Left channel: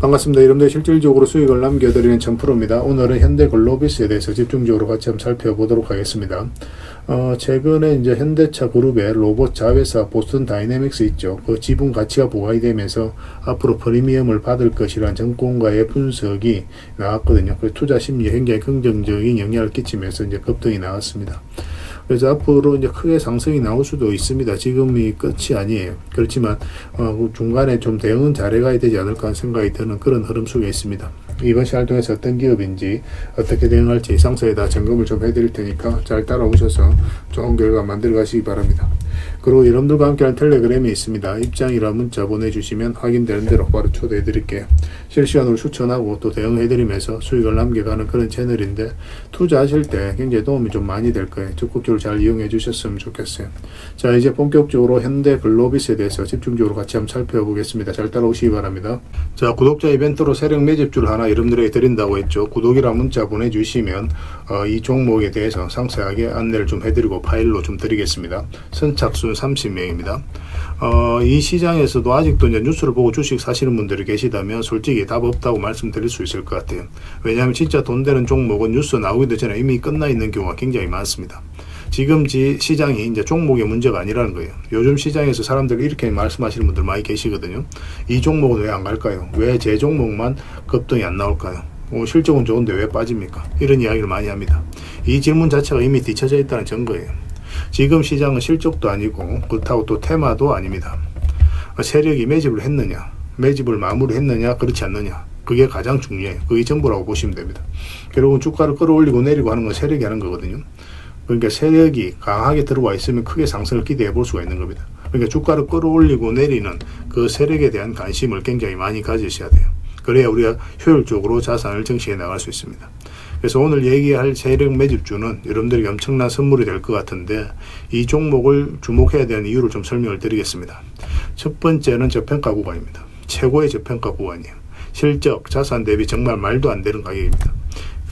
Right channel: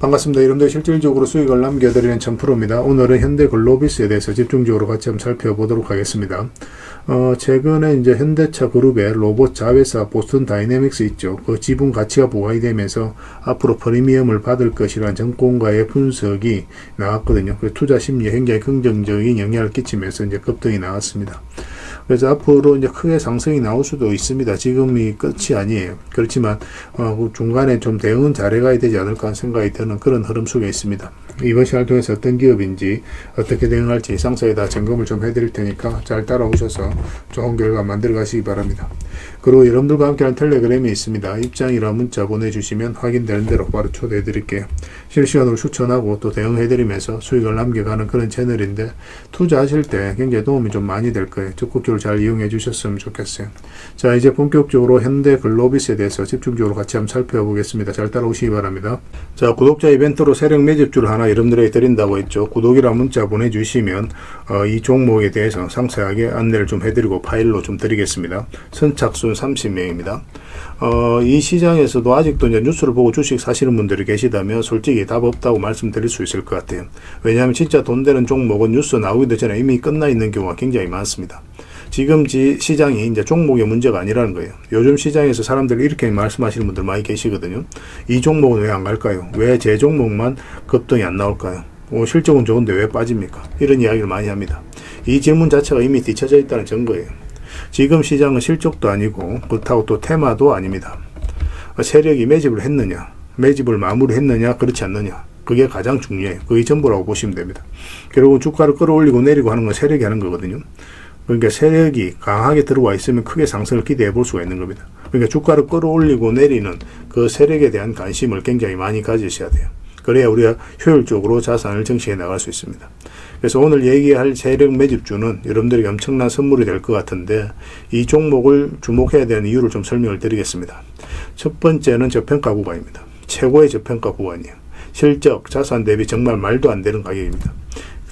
반갑습니다. 여러분들 실질적으로 수익을 남겨드리는 천프로입니다. 오늘은 현대글로비스에 대해서 집중적으로 같이 한번 살펴보도록 하겠습니다. 최근에 이제 현대차 그룹의 로봇 자회사 보스턴 다이내믹스 있죠. 그 지분 가치가 보완이 되면서 앞으로 프리미엄을 받을 것이라는 전문가의 분석이 나왔거든요. 그 투자 심리에 굉장히 긍정적인 영향을 끼치면서 이제 급등이 나왔습니다. 그래서 앞으로 이제 크게 상승이 나올 수도 있습니다. 지금이 끝이 아니에요. 그렇지만 중간에 좀 대응은 잘해가야 되지 않을까 하는 생각이 드는 그런 흐름 속에 있습니다. 이번 시간을 통해서 어떤 기업인지 어떻게 대응할지 상세에다 점검을 좀 해드릴 테니까 잘 따라오셔서 좋은 결과 만들어 가시기 바랍니다. 그리고 여러분들과 함께하는 텔레그램이 있습니다. 입장이라 문자 보내주시면 확인되는 대로 바로 초대해 드릴게요. 실시간으로 추천하고 또 대응해드리면서 수익을 남겨가는 그런 채널인데 투자하실 때 굉장히 도움이 좀 많이 될 거예요. 적극적으로 잘 이용해 주셨으면 좋겠어요. 자, 이제 본격적으로 현대글로비스에 대해서 집중적으로 같이 한번 살펴보겠습니다. 잘 따라오시기 바랍니다. 자, 구독자 이벤트로 세력 매집주를 하나 여러분들에게 드린다고 했죠. 구독이랑 문자 보내주시면 이 종목에 대해서 상세하게 안내를 좀 해드리고 파일로 좀 드리겠습니다. 선착순 30명입니다. 이 시장에서도 아직도 이제 뉴스를 보고 주식 사시는 분들이 계시다면 솔직히 답 없다고 말씀드릴 수 있을 것 같아요. 왜냐하면 진짜 돈 되는 종목은 뉴스 나오기도 전에 이미 끝나 있는 경우가 굉장히 많습니다. 지금 시장이 이제 종목의 문제가 아니라는 거예요. 요즘 시장에서 사람들이 이렇게 말씀하시는 분들 많이 계시거든요. 이 종목은 왜 안 갈까요? 왜 제 종목만 급등이 안 나올까요? 실적은 좋은데 왜 빠집니까? 이런 이야기를 많이 합니다. 이 질문 자체가 이미 뒤쳐져 있다는 증거예요. 지금 시장은 실적도 아니고 그렇다고 또 테마도 아닙니다. 세력이 매집을 했느냐, 매집을 마무리했느냐, 그렇지 않느냐, 그게 가장 중요해요. 그게 전부라고 보시면 됩니다. 결국 주가를 끌어올리고 내리고 하는 건 세력이 하는 거거든요. 그러니까 세력이 강하게 들어와 있으면 크게 상승을 기대해 볼 수가 있는 겁니다. 그러니까 주가를 끌어올리고 내리는 그 세력에 대한 관심을 굉장히 많이 가지셔야 돼요. 그래야 우리가 효율적으로 자산을 정치해 나갈 수 있습니다. 그래서 오늘 얘기할 세력 매집주는 여러분들에게 엄청난 선물이 될 것 같은데 이 종목을 주목해야 되는 이유를 좀 설명을 드리겠습니다. 첫 번째는 저평가 구간입니다. 최고의 저평가 구간이에요. 실적, 자산 대비 정말 말도 안 되는 가격입니다.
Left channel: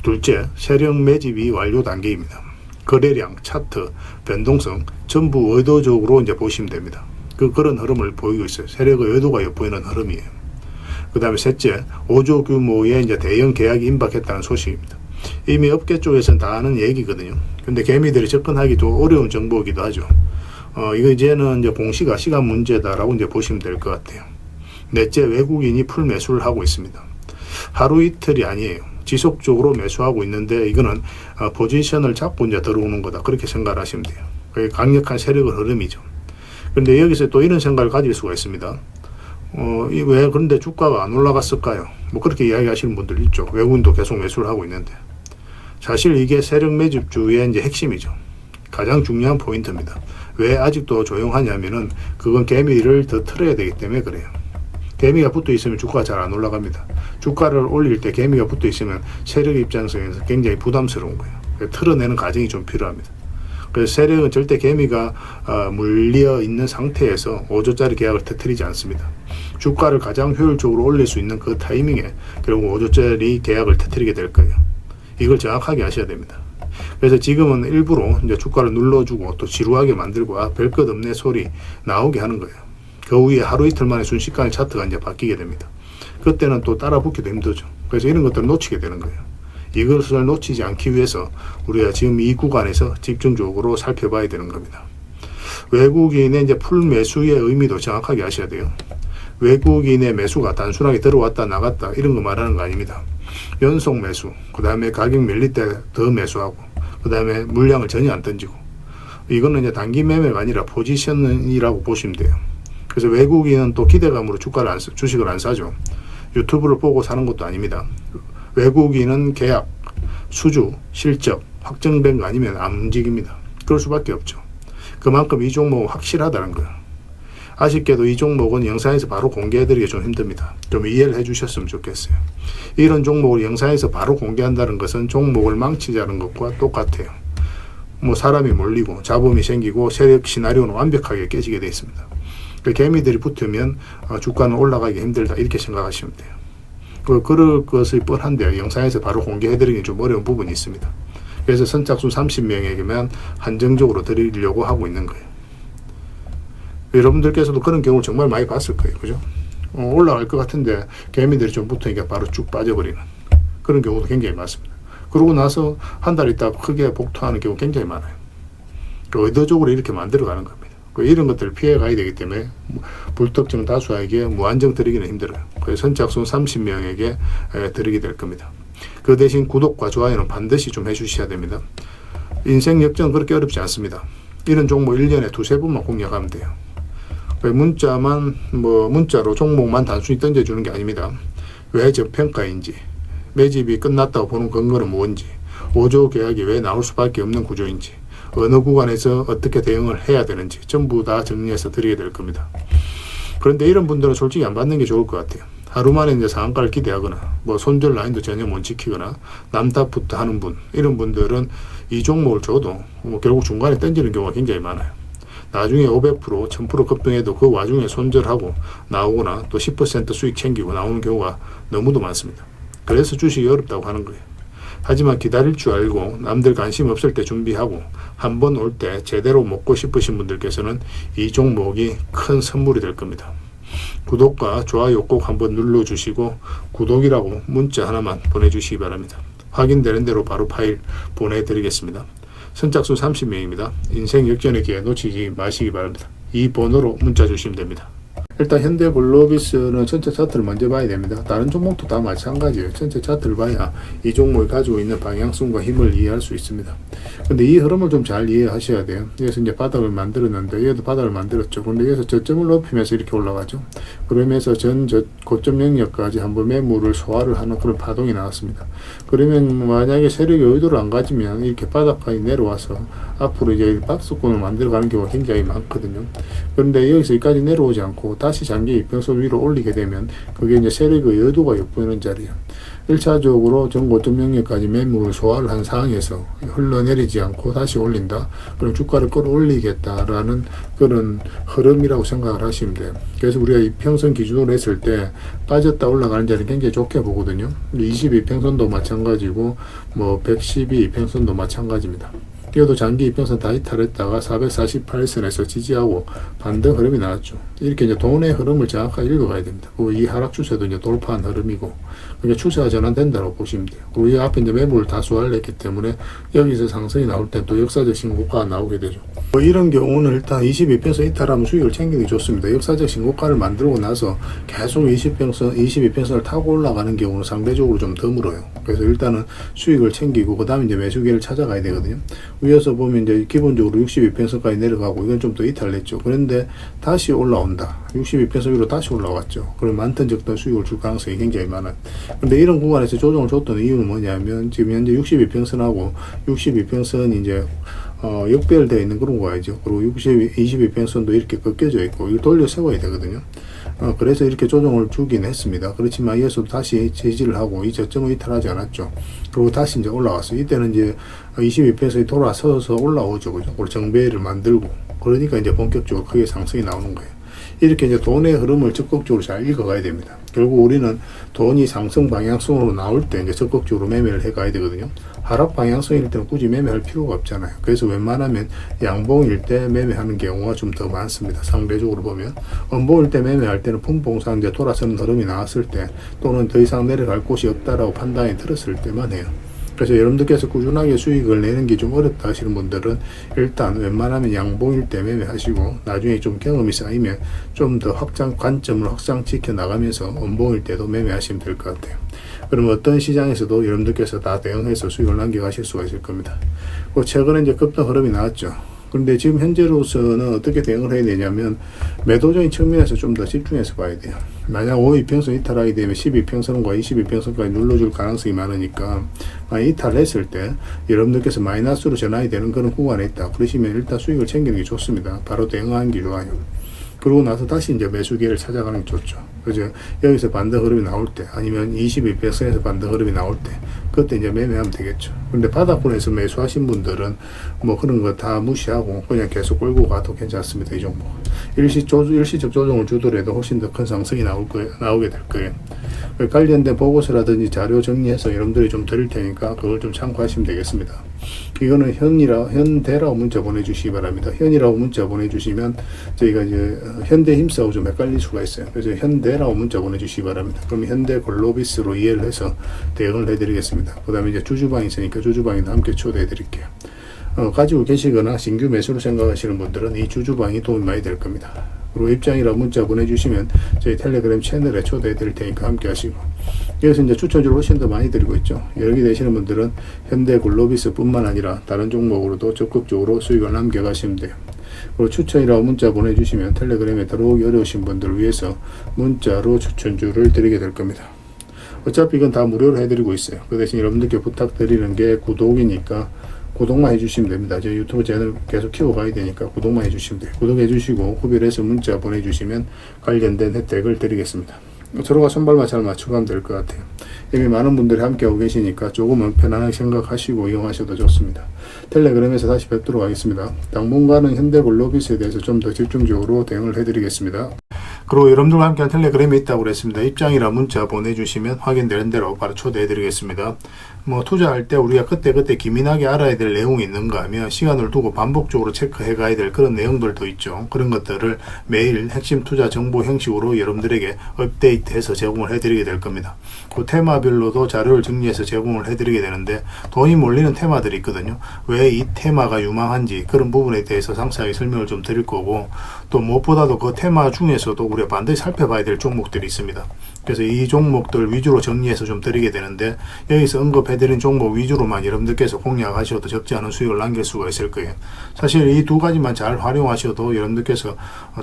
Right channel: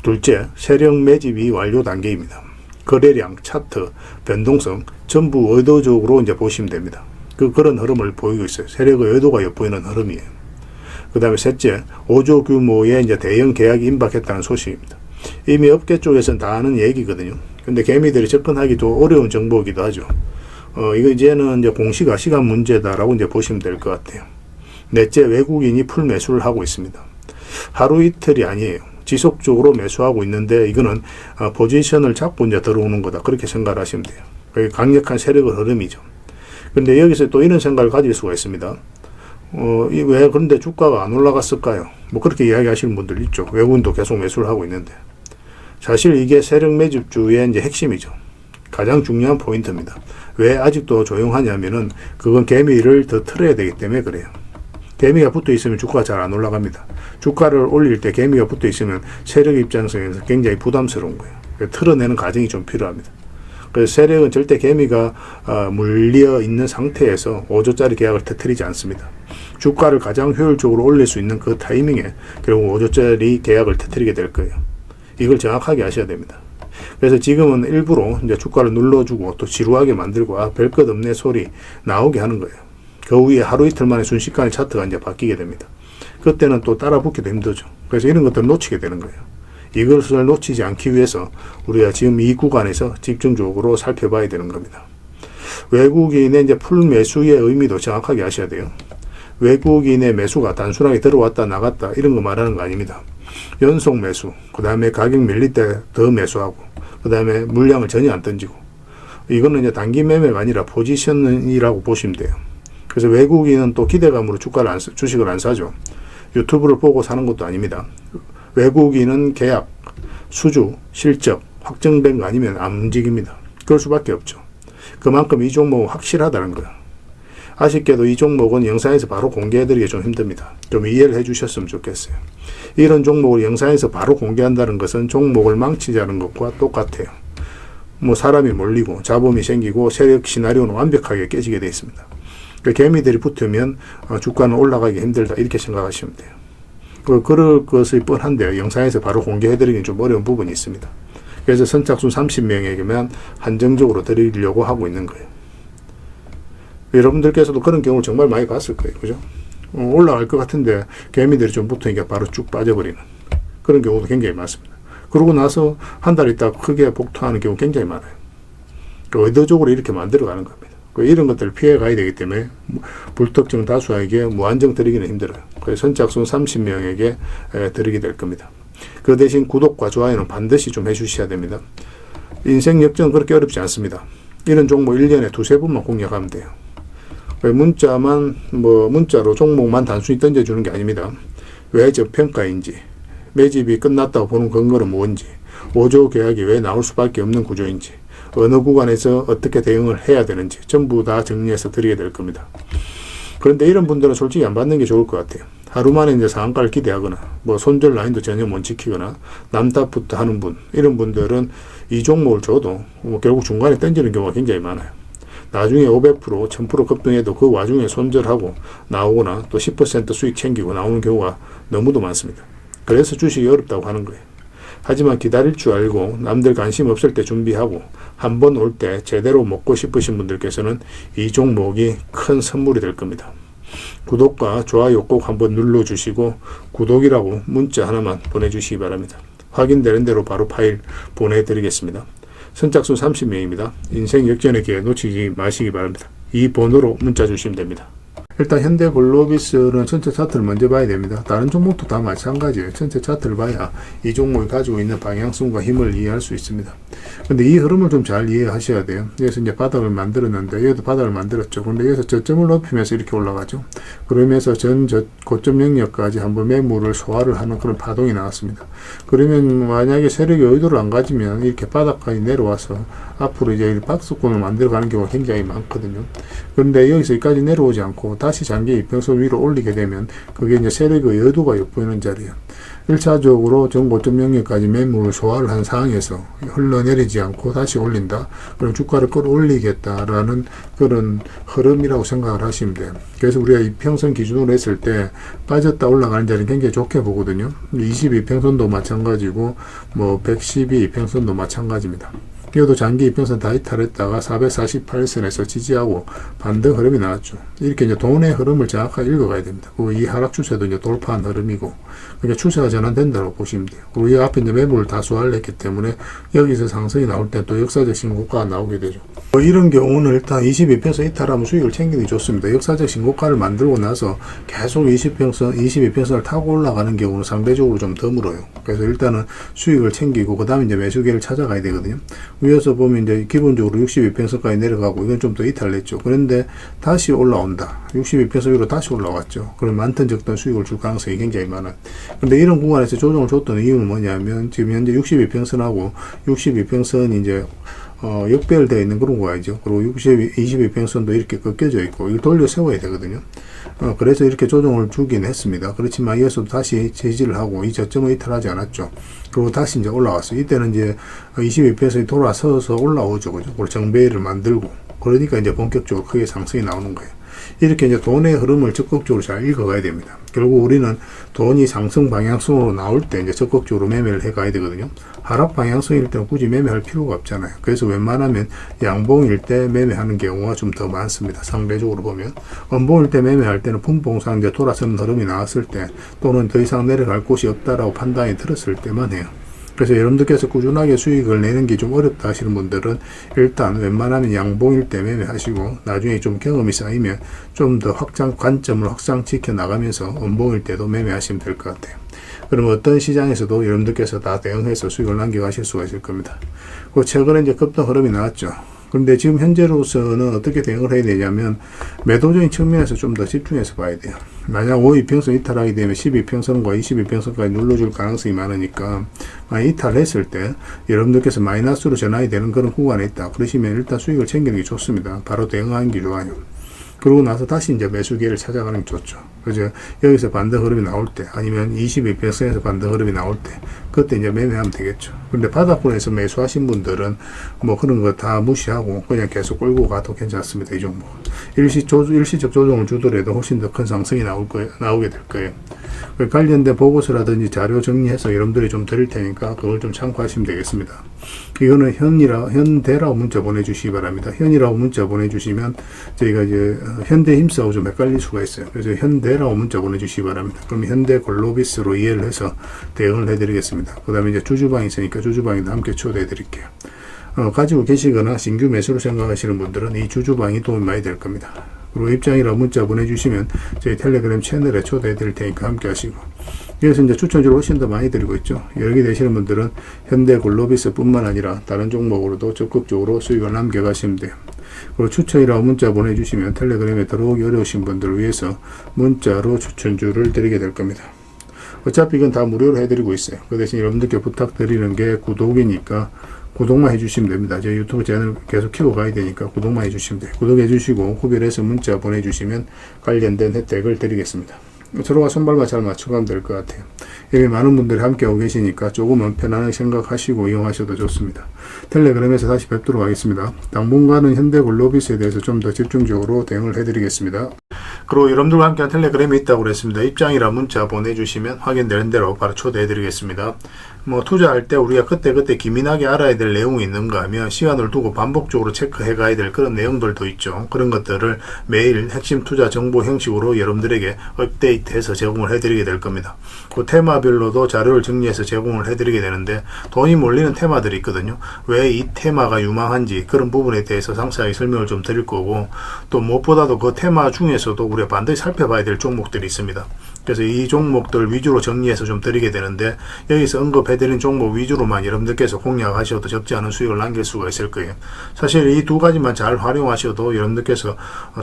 둘째, 세력 매집이 완료 단계입니다. 거래량, 차트, 변동성 전부 의도적으로 이제 보시면 됩니다. 그런 흐름을 보이고 있어요. 세력의 의도가 엿보이는 흐름이에요. 그 다음에 셋째, 5조 규모의 이제 대형 계약이 임박했다는 소식입니다. 이미 업계 쪽에서는 다 아는 얘기거든요. 근데 개미들이 접근하기도 어려운 정보이기도 하죠. 이거 이제는 이제 공시가 시간 문제다라고 이제 보시면 될 것 같아요. 넷째, 외국인이 풀 매수를 하고 있습니다. 하루 이틀이 아니에요. 지속적으로 매수하고 있는데 이거는 포지션을 잡고 이제 들어오는 거다. 그렇게 생각을 하시면 돼요. 그게 강력한 세력의 흐름이죠. 그런데 여기서 또 이런 생각을 가질 수가 있습니다. 왜 그런데 주가가 안 올라갔을까요? 뭐 그렇게 이야기하시는 분들 있죠. 외국인도 계속 매수를 하고 있는데. 사실 이게 세력 매집주의 이제 핵심이죠. 가장 중요한 포인트입니다. 왜 아직도 조용하냐면은 그건 개미를 더 틀어야 되기 때문에 그래요. 개미가 붙어 있으면 주가가 잘 안 올라갑니다. 주가를 올릴 때 개미가 붙어 있으면 세력 입장에서 굉장히 부담스러운 거예요. 틀어내는 과정이 좀 필요합니다. 그래서 세력은 절대 개미가 물려 있는 상태에서 5조짜리 계약을 터뜨리지 않습니다. 주가를 가장 효율적으로 올릴 수 있는 그 타이밍에 결국 5조짜리 계약을 터뜨리게 될 거예요. 이걸 정확하게 아셔야 됩니다. 그래서 지금은 일부러 이제 주가를 눌러주고 또 지루하게 만들고 별 것 없네 소리 나오게 하는 거예요. 그 후에 하루 이틀 만에 순식간에 차트가 이제 바뀌게 됩니다. 그때는 또 따라 붙기도 힘들죠. 그래서 이런 것들을 놓치게 되는 거예요. 이것을 놓치지 않기 위해서 우리가 지금 이 구간에서 집중적으로 살펴봐야 되는 겁니다. 외국인의 이제 풀 매수의 의미도 정확하게 아셔야 돼요. 외국인의 매수가 단순하게 들어왔다 나갔다 이런 거 말하는 거 아닙니다. 연속 매수, 그 다음에 가격 밀릴 때 더 매수하고, 그 다음에 물량을 전혀 안 던지고, 이거는 이제 단기 매매가 아니라 포지션이라고 보시면 돼요. 그래서 외국인은 또 기대감으로 주식을 안 사죠. 유튜브를 보고 사는 것도 아닙니다. 외국인은 계약, 수주, 실적 확정된 거 아니면 안 움직입니다. 그럴 수밖에 없죠. 그만큼 이 종목은 확실하다는 거예요. 아쉽게도 이 종목은 영상에서 바로 공개해드리기 좀 힘듭니다. 좀 이해를 해주셨으면 좋겠어요. 이런 종목을 영상에서 바로 공개한다는 것은 종목을 망치자는 것과 똑같아요. 뭐 사람이 몰리고 잡음이 생기고 세력 시나리오는 완벽하게 깨지게 되어 있습니다. 그러니까 개미들이 붙으면 주가는 올라가기 힘들다 이렇게 생각하시면 돼요. 그럴 것이 뻔한데요. 영상에서 바로 공개해드리기 좀 어려운 부분이 있습니다. 그래서 선착순 30명에게만 한정적으로 드리려고 하고 있는 거예요. 여러분들께서도 그런 경우를 정말 많이 봤을 거예요. 그죠? 올라갈 것 같은데 개미들이 좀 붙으니까 바로 쭉 빠져버리는 그런 경우도 굉장히 많습니다. 그러고 나서 한 달 있다가 크게 복토하는 경우 굉장히 많아요. 의도적으로 이렇게 만들어가는 겁니다. 이런 것들을 피해가야 되기 때문에 불특정 다수에게 무한정 드리기는 힘들어요. 그래서 선착순 30명에게 드리게 될 겁니다. 그 대신 구독과 좋아요는 반드시 좀 해주셔야 됩니다. 인생 역전 그렇게 어렵지 않습니다. 이런 종목 1년에 두세 번만 공략하면 돼요. 문자로 종목만 단순히 던져주는 게 아닙니다. 왜 저평가인지, 매집이 끝났다고 보는 근거는 뭔지, 5조 계약이 왜 나올 수밖에 없는 구조인지, 어느 구간에서 어떻게 대응을 해야 되는지 전부 다 정리해서 드리게 될 겁니다. 그런데 이런 분들은 솔직히 안 받는 게 좋을 것 같아요. 하루 만에 이제 상한가를 기대하거나 손절 라인도 전혀 못 지키거나 남답부터 하는 분, 이런 분들은 이 종목을 줘도 결국 중간에 던지는 경우가 굉장히 많아요. 나중에 500%, 1000% 급등해도 그 와중에 손절하고 나오거나 또 10% 수익 챙기고 나오는 경우가 너무도 많습니다. 그래서 주식이 어렵다고 하는 거예요. 하지만 기다릴 줄 알고 남들 관심 없을 때 준비하고 한 번 올 때 제대로 먹고 싶으신 분들께서는 이 종목이 큰 선물이 될 겁니다. 구독과 좋아요 꼭 한번 눌러주시고 구독이라고 문자 하나만 보내주시기 바랍니다. 확인되는 대로 바로 파일 보내드리겠습니다. 선착순 30명입니다. 인생 역전의 기회 놓치지 마시기 바랍니다. 이 번호로 문자 주시면 됩니다. 일단 현대글로비스는 전체 차트를 먼저 봐야 됩니다. 다른 종목도 다 마찬가지예요. 전체 차트를 봐야 이 종목이 가지고 있는 방향성과 힘을 이해할 수 있습니다. 근데 이 흐름을 좀 잘 이해하셔야 돼요. 여기서 이제 바닥을 만들었는데 여기도 바닥을 만들었죠. 근데 여기서 저점을 높이면서 이렇게 올라가죠. 그러면서 고점 영역까지 한번 매물을 소화를 하는 그런 파동이 나왔습니다. 그러면 만약에 세력이 의도를 안 가지면 이렇게 바닥까지 내려와서 앞으로 이제 박스권을 만들어가는 경우가 굉장히 많거든요. 그런데 여기서 여기까지 내려오지 않고 다시 장기 이평선 위로 올리게 되면 그게 이제 세력의 의도가 엿보이는 자리예요. 1차적으로 전고점 영역까지 매물을 소화를 한 상황에서 흘러내리지 않고 다시 올린다. 그리고 주가를 끌어올리겠다라는 그런 흐름이라고 생각을 하시면 돼요. 그래서 우리가 이평선 기준으로 했을 때 빠졌다 올라가는 자리는 굉장히 좋게 보거든요. 22평선도 마찬가지고 112평선도 마찬가지입니다. 이것도 장기 이평선 다 이탈했다가 448선에서 지지하고 반등 흐름이 나왔죠. 이렇게 이제 돈의 흐름을 정확하게 읽어가야 됩니다. 이 하락 추세도 이제 돌파한 흐름이고, 그게 추세가 전환된다고 보시면 돼요. 그리고 이 앞에 이제 매물을 다 소화했기 때문에 여기서 상승이 나올 때 또 역사적 신고가가 나오게 되죠. 이런 경우는 일단 22평선 이탈하면 수익을 챙기는 게 좋습니다. 역사적 신고가를 만들고 나서 계속 22평선을 타고 올라가는 경우는 상대적으로 좀 드물어요. 그래서 일단은 수익을 챙기고 그 다음에 이제 매수기를 찾아가야 되거든요. 위에서 보면 이제 기본적으로 62평선까지 내려가고 이건 좀 더 이탈했죠. 그런데 다시 올라온다. 62평선 위로 다시 올라왔죠. 그럼 많든 적든 수익을 줄 가능성이 굉장히 많아요. 근데 이런 구간에서 조정을 줬던 이유는 뭐냐면 지금 현재 62평선하고 62평선이 이제 역배열되어 있는 그런 거야죠. 그리고 22평선도 이렇게 꺾여져 있고 이걸 돌려 세워야 되거든요. 그래서 이렇게 조정을 주긴 했습니다. 그렇지만 이어서도 다시 제지를 하고 이 저점을 이탈하지 않았죠. 그리고 다시 이제 올라왔어요. 이때는 이제 22평선이 돌아서서 올라오죠. 그죠? 그리고 정배를 만들고 그러니까 이제 본격적으로 크게 상승이 나오는 거예요. 이렇게 이제 돈의 흐름을 적극적으로 잘 읽어가야 됩니다. 결국 우리는 돈이 상승 방향성으로 나올 때 이제 적극적으로 매매를 해가야 되거든요. 하락 방향성일 때는 굳이 매매할 필요가 없잖아요. 그래서 웬만하면 양봉일 때 매매하는 경우가 좀 더 많습니다. 상대적으로 보면 음봉일 때 매매할 때는 분봉상 이제 돌아서는 흐름이 나왔을 때 또는 더 이상 내려갈 곳이 없다라고 판단이 들었을 때만 해요. 그래서 여러분들께서 꾸준하게 수익을 내는 게 좀 어렵다 하시는 분들은 일단 웬만하면 양봉일 때 매매하시고 나중에 좀 경험이 쌓이면 좀 더 관점을 확장시켜 나가면서 음봉일 때도 매매하시면 될 것 같아요. 그럼 어떤 시장에서도 여러분들께서 다 대응해서 수익을 남겨가실 수가 있을 겁니다. 그 최근에 이제 급등 흐름이 나왔죠. 그런데 지금 현재로서는 어떻게 대응을 해야 되냐면 매도적인 측면에서 좀 더 집중해서 봐야 돼요. 만약 5이평선 이탈하게 되면 12평선과 22평선까지 눌러줄 가능성이 많으니까 이탈했을 때 여러분들께서 마이너스로 전환이 되는 그런 구간에 있다. 그러시면 일단 수익을 챙기는 게 좋습니다. 바로 대응하는 게 좋아요. 그러고 나서 다시 이제 매수기를 찾아가는 게 좋죠. 그래서 여기서 반등 흐름이 나올 때 아니면 22평선에서 반등 흐름이 나올 때 그때 이제 매매하면 되겠죠. 근데 바닥권에서 매수하신 분들은 그런 거 다 무시하고 그냥 계속 끌고 가도 괜찮습니다. 이 종목. 일시적 조정을 주더라도 훨씬 더 큰 상승이 나오게 될 거예요. 관련된 보고서라든지 자료 정리해서 여러분들이 좀 드릴 테니까 그걸 좀 참고하시면 되겠습니다. 이거는 현대라고 문자 보내주시기 바랍니다. 현이라고 문자 보내주시면 저희가 이제 현대힘사하고 좀 헷갈릴 수가 있어요. 그래서 현대라고 문자 보내주시기 바랍니다. 그럼 현대글로비스로 이해를 해서 대응을 해드리겠습니다. 그 다음에 이제 주주방이 있으니까 주주방에도 함께 초대해드릴게요. 가지고 계시거나 신규 매수를 생각하시는 분들은 이 주주방이 도움이 많이 될 겁니다. 그리고 입장이라고 문자 보내주시면 저희 텔레그램 채널에 초대해 드릴 테니까 함께 하시고, 여기서 이제 추천주를 훨씬 더 많이 드리고 있죠. 여러 개 되시는 분들은 현대글로비스 뿐만 아니라 다른 종목으로도 적극적으로 수익을 남겨가시면 돼요. 그리고 추천이라고 문자 보내주시면 텔레그램에 들어오기 어려우신 분들을 위해서 문자로 추천주를 드리게 될 겁니다. 어차피 이건 다 무료로 해드리고 있어요. 그 대신 여러분들께 부탁드리는 게 구독이니까 구독만 해주시면 됩니다. 저희 유튜브 채널 계속 키워가야 되니까 구독만 해주시면 돼요. 구독해주시고 후비를 해서 문자 보내주시면 관련된 혜택을 드리겠습니다. 서로가 손발만 잘 맞춰가면 될 것 같아요. 이미 많은 분들이 함께하고 계시니까 조금은 편안하게 생각하시고 이용하셔도 좋습니다. 텔레그램에서 다시 뵙도록 하겠습니다. 당분간은 현대글로비스에 대해서 좀 더 집중적으로 대응을 해드리겠습니다. 그리고 여러분들과 함께한 텔레그램이 있다고 그랬습니다. 입장이라 문자 보내주시면 확인되는 대로 바로 초대해드리겠습니다. 투자할 때 우리가 그때그때 기민하게 알아야 될 내용이 있는가 하면 시간을 두고 반복적으로 체크해 가야 될 그런 내용들도 있죠. 그런 것들을 매일 핵심 투자 정보 형식으로 여러분들에게 업데이트해서 제공을 해드리게 될 겁니다. 그 테마별로도 자료를 정리해서 제공을 해드리게 되는데, 돈이 몰리는 테마들이 있거든요. 왜 이 테마가 유망한지 그런 부분에 대해서 상세하게 설명을 좀 드릴 거고, 또 무엇보다도 그 테마 중에서도 우리가 반드시 살펴봐야 될 종목들이 있습니다. 그래서 이 종목들 위주로 정리해서 좀 드리게 되는데, 여기서 언급해드린 종목 위주로만 여러분들께서 공략하셔도 적지 않은 수익을 남길 수가 있을 거예요. 사실 이 두 가지만 잘 활용하셔도 여러분들께서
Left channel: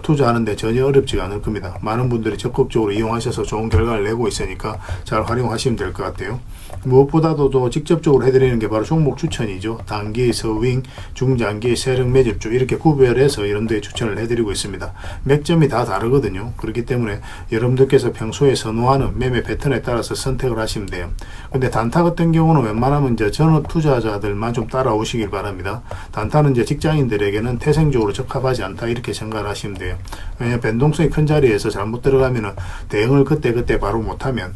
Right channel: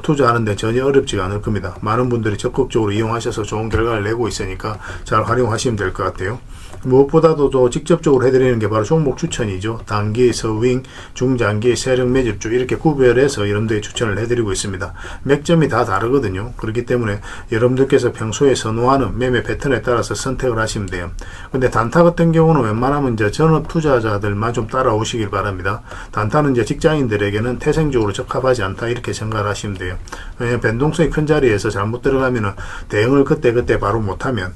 투자하는데 전혀 어렵지가 않을 겁니다. 많은 분들이 적극적으로 이용하셔서 좋은 결과를 내고 있으니까 잘 활용하시면 될 것 같아요. 무엇보다도 또 직접적으로 해드리는 게 바로 종목 추천이죠. 단기, 서윙, 중장기, 세력 매집주 이렇게 구별해서 여러분들이 추천을 해드리고 있습니다. 맥점이 다 다르거든요. 그렇기 때문에 여러분들께서 평소에 선호하는 매매 패턴에 따라서 선택을 하시면 돼요. 근데 단타 같은 경우는 웬만하면 이제 전업 투자자들만 좀 따라오시길 바랍니다. 단타는 이제 직장인들에게는 태생적으로 적합하지 않다 이렇게 생각을 하시면 돼요. 왜냐하면 변동성이 큰 자리에서 잘못 들어가면은 대응을 그때 바로 못하면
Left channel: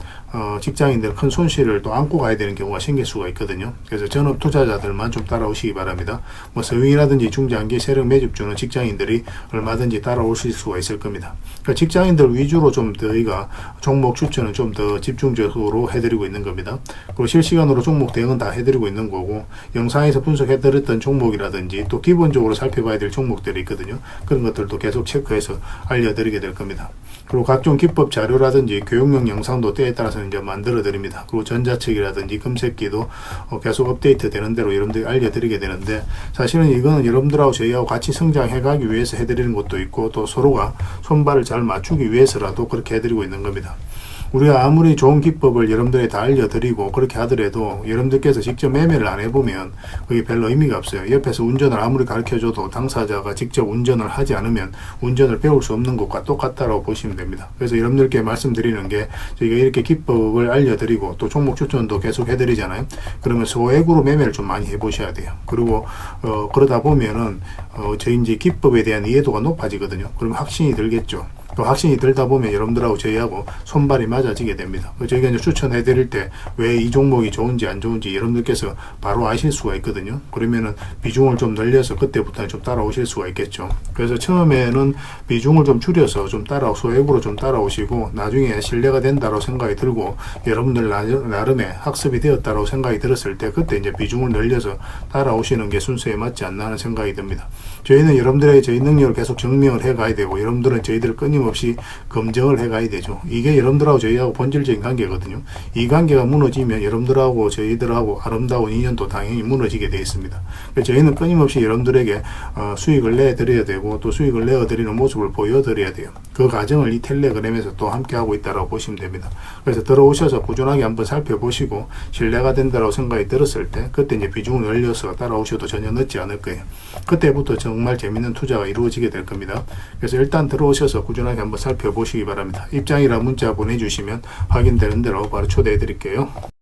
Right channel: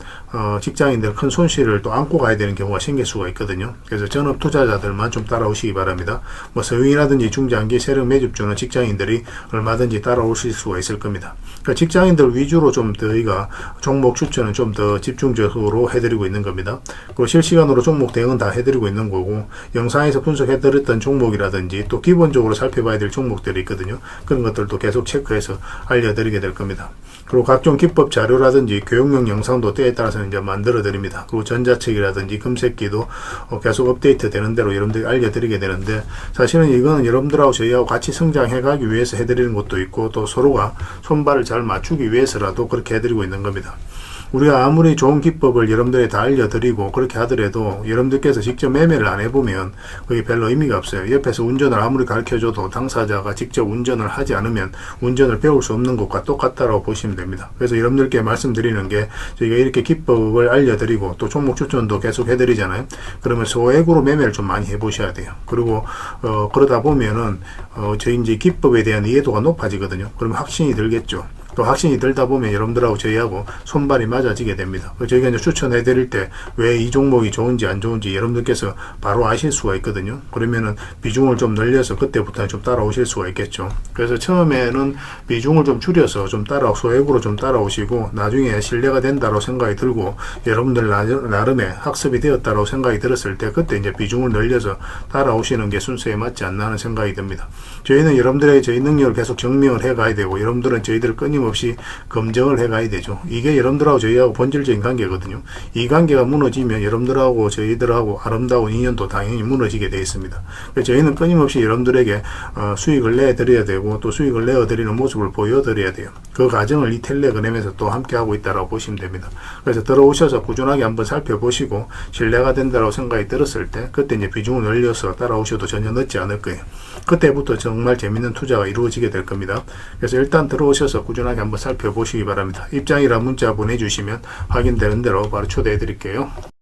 직장인들 큰 손실을 또 안고 가야 되는 경우가 생길 수가 있거든요. 그래서 전업 투자자들만 좀 따라오시기 바랍니다. 서윙이라든지 중장기 세력 매집주는 직장인들이 얼마든지 따라오실 수가 있을 겁니다. 그러니까 직장인들 위주로 좀 저희가 종목 추천은 좀 더 집중적으로 해드리고 있는 겁니다. 그리고 실시간으로 종목 대응은 다 해드리고 있는 거고, 영상에서 분석해드렸던 종목이라든지 또 기본적으로 살펴봐야 될 종목들이 있거든요. 그런 것들도 계속 체크해서 알려드리게 될 겁니다. 그리고 각종 기법 자료라든지 교육용 영상도 때에 따라서 이제 만들어 드립니다. 그리고 전자책이라든지 금색기도 계속 업데이트 되는 대로 여러분들이 알려드리게 되는데, 사실은 이거는 여러분들하고 저희하고 같이 성장해 가기 위해서 해드리는 것도 있고, 또 서로가 손발을 잘 맞추기 위해서라도 그렇게 해드리고 있는 겁니다. 우리가 아무리 좋은 기법을 여러분들이 다 알려드리고 그렇게 하더라도 여러분들께서 직접 매매를 안 해보면 그게 별로 의미가 없어요. 옆에서 운전을 아무리 가르쳐줘도 당사자가 직접 운전을 하지 않으면 운전을 배울 수 없는 것과 똑같다고 보시면 됩니다. 그래서 여러분들께 말씀드리는 게, 저희가 이렇게 기법을 알려드리고 또 종목 추천도 계속 해드리잖아요. 그러면 소액으로 매매를 좀 많이 해보셔야 돼요. 그리고 그러다 보면은 저희 이제 기법에 대한 이해도가 높아지거든요. 그러면 확신이 들겠죠. 또 확신이 들다 보면 여러분들하고 저희하고 손발이 맞아지게 됩니다. 저희가 이제 추천해 드릴 때 왜 이 종목이 좋은지 안 좋은지 여러분들께서 바로 아실 수가 있거든요. 그러면은 비중을 좀 늘려서 그때부터 좀 따라오실 수가 있겠죠. 그래서 처음에는 비중을 좀 줄여서 좀 소액으로 좀 따라오시고, 나중에 신뢰가 된다고 생각이 들고 여러분들 나름의 학습이 되었다고 생각이 들었을 때 그때 이제 비중을 늘려서 따라오시는 게 순서에 맞지 않나 하는 생각이 듭니다. 저희는 여러분들의 저희 능력을 계속 증명을 해 가야 되고, 여러분들은 저희들을 끊임없이 검증을 해 가야 되죠. 이게 여러분들하고 저희하고 본질적인 관계거든요. 이 관계가 무너지면 여러분들하고 저희들하고 아름다운 인연도 당연히 무너지게 되어 있습니다. 그래서 저희는 끊임없이 여러분들에게 수익을 내드려야 되고, 또 수익을 내어드리는 모습을 보여드려야 돼요. 그 과정을 이 텔레그램에서 또 함께 하고 있다고 보시면 됩니다. 그래서 들어오셔서 꾸준하게 한번 살펴보시고 신뢰가 된다고 생각이 들었을 때 그때 이제 비중을 늘려서 따라오셔도 전혀 늦지 않을 거예요. 그때부터 정말 재밌는 투자가 이루어지게 될 겁니다. 그래서 일단 들어오셔서 꾸준하게 한번 살펴보시기 바랍니다. 입장이라 문자 보내주시면 확인되는 대로 바로 초대해 드릴게요.